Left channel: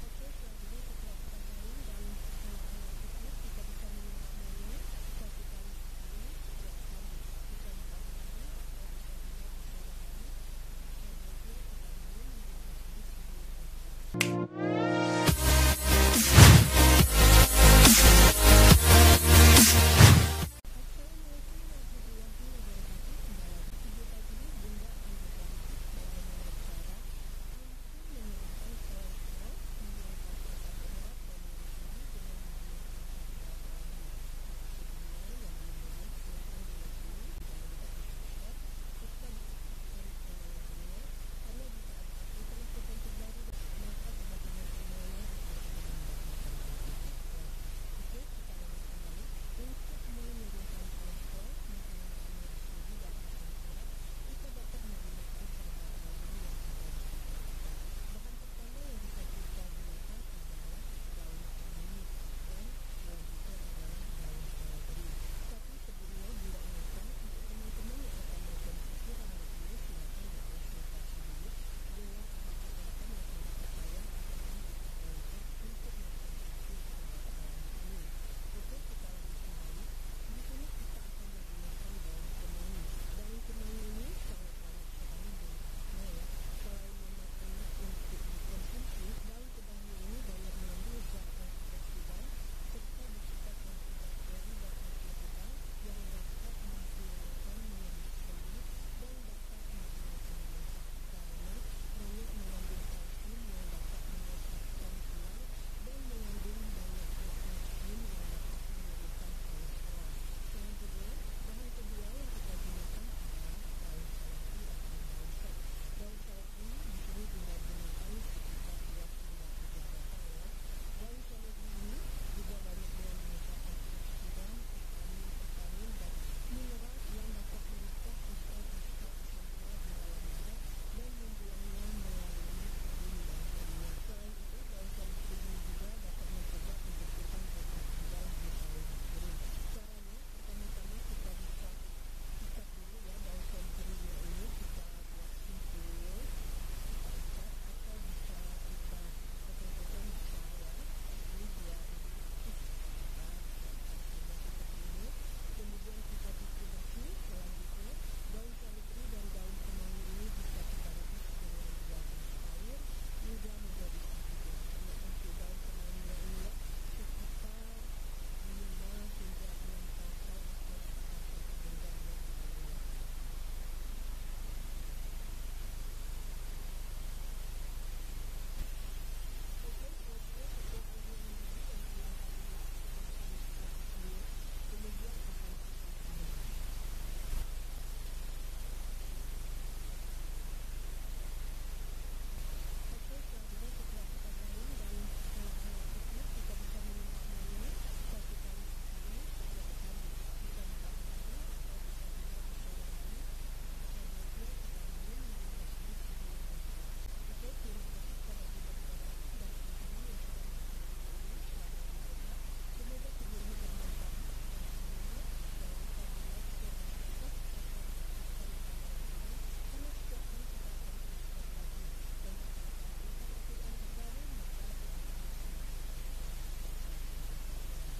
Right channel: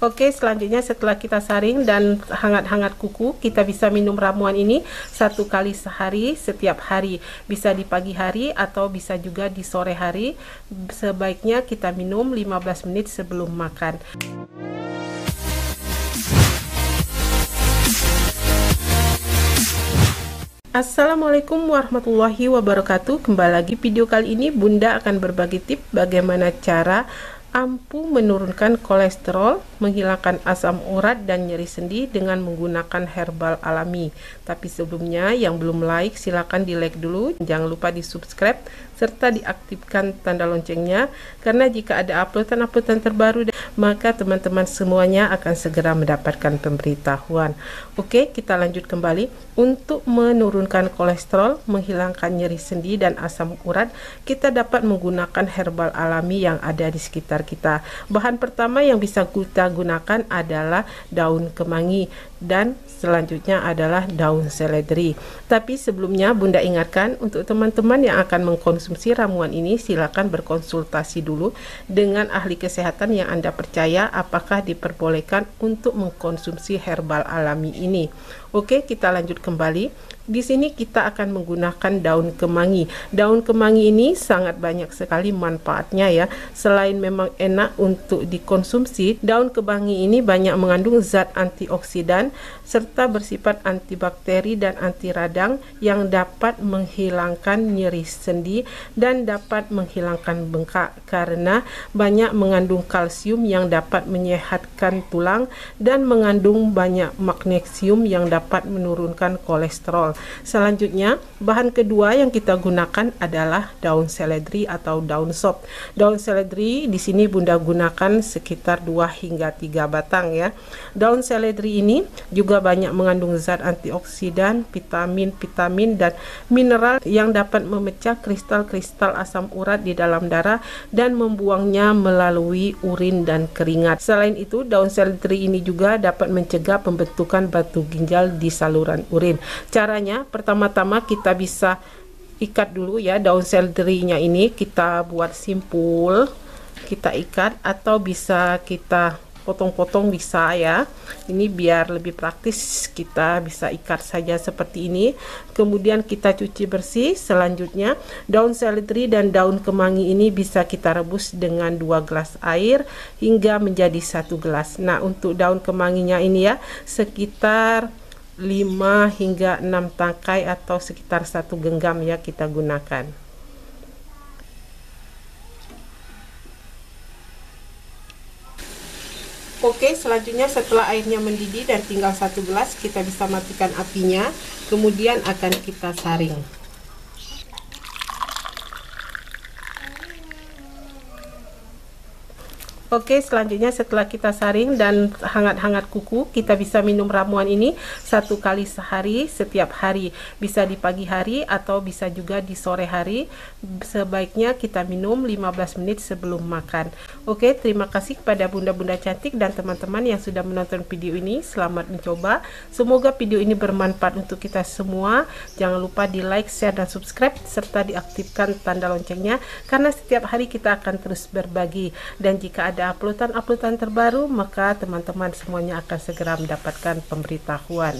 Oke, selanjutnya setelah kita saring dan hangat-hangat kuku, kita bisa minum ramuan ini 1 kali sehari, setiap hari. Bisa di pagi hari atau bisa juga di sore hari. Sebaiknya kita minum 15 menit sebelum makan. Assalamualaikum warahmatullahi wabarakatuh. Kembali lagi video kali ini Bunda akan berbagi tips bagaimana cara ampuh menurunkan kolesterol, menghilangkan asam urat dan nyeri sendi dengan menggunakan herbal alami. Tapi sebelumnya yang belum like silahkan di like dulu, jangan lupa di subscribe serta diaktifkan tanda loncengnya, karena jika ada uploadan-uploadan terbaru maka teman-teman semuanya akan segera mendapatkan pemberitahuan. Oke, kita lanjut kembali. Untuk menurunkan kolesterol, menghilangkan nyeri sendi dan asam urat, kita dapat menggunakan herbal alami yang ada di sekitar kita. Bahan pertama yang bisa kita gunakan adalah daun kemangi dan selanjutnya adalah daun seledri. Tapi sebelumnya Bunda ingatkan untuk teman-teman yang akan mengkonsumsi ramuan ini, silakan berkonsultasi dulu dengan ahli kesehatan yang Anda percaya apakah diperbolehkan untuk mengkonsumsi herbal alami ini. Oke, kita lanjut kembali. Di sini kita akan menggunakan daun kemangi. Daun kemangi ini sangat banyak sekali manfaatnya ya. Selain memang enak untuk dikonsumsi, daun kemangi ini banyak mengandung zat antioksidan serta bersifat antibakteri dan anti radang yang dapat menghilangkan nyeri sendi dan dapat menghilangkan bengkak, karena banyak mengandung kalsium yang dapat menyehatkan tulang dan mengandung banyak magnesium yang dapat menurunkan kolesterol. Selanjutnya, bahan kedua yang kita gunakan adalah daun seledri atau daun sop. Daun seledri di sini Bunda gunakan sekitar 2 hingga 3 batang ya. Daun seledri ini juga banyak mengandung zat antioksidan, vitamin dan mineral yang dapat memecah kristal-kristal asam urat di dalam darah dan membuangnya melalui urin dan keringat. Selain itu, daun seledri ini juga dapat mencegah pembentukan batu ginjal di saluran urin. Caranya, pertama-tama kita bisa ikat dulu ya daun seledrinya ini, kita buat simpul, kita ikat atau bisa kita potong-potong bisa ya. Ini biar lebih praktis, kita bisa ikat saja seperti ini. Kemudian kita cuci bersih. Selanjutnya daun seledri dan daun kemangi ini bisa kita rebus dengan 2 gelas air hingga menjadi 1 gelas. Nah, untuk daun kemanginya ini ya sekitar 5 hingga 6 tangkai atau sekitar 1 genggam ya kita gunakan. Oke, selanjutnya setelah airnya mendidih dan tinggal 1 gelas, kita bisa matikan apinya, kemudian akan kita saring. Oke, selanjutnya setelah kita saring dan hangat-hangat kuku, kita bisa minum ramuan ini 1 kali sehari, setiap hari. Bisa di pagi hari atau bisa juga di sore hari. Sebaiknya kita minum 15 menit sebelum makan. Oke, terima kasih kepada bunda-bunda cantik dan teman-teman yang sudah menonton video ini. Selamat mencoba. Semoga video ini bermanfaat untuk kita semua. Jangan lupa di like, share, dan subscribe serta diaktifkan tanda loncengnya, karena setiap hari kita akan terus berbagi. Dan jika ada uploadan terbaru, maka teman-teman semuanya akan segera mendapatkan pemberitahuan.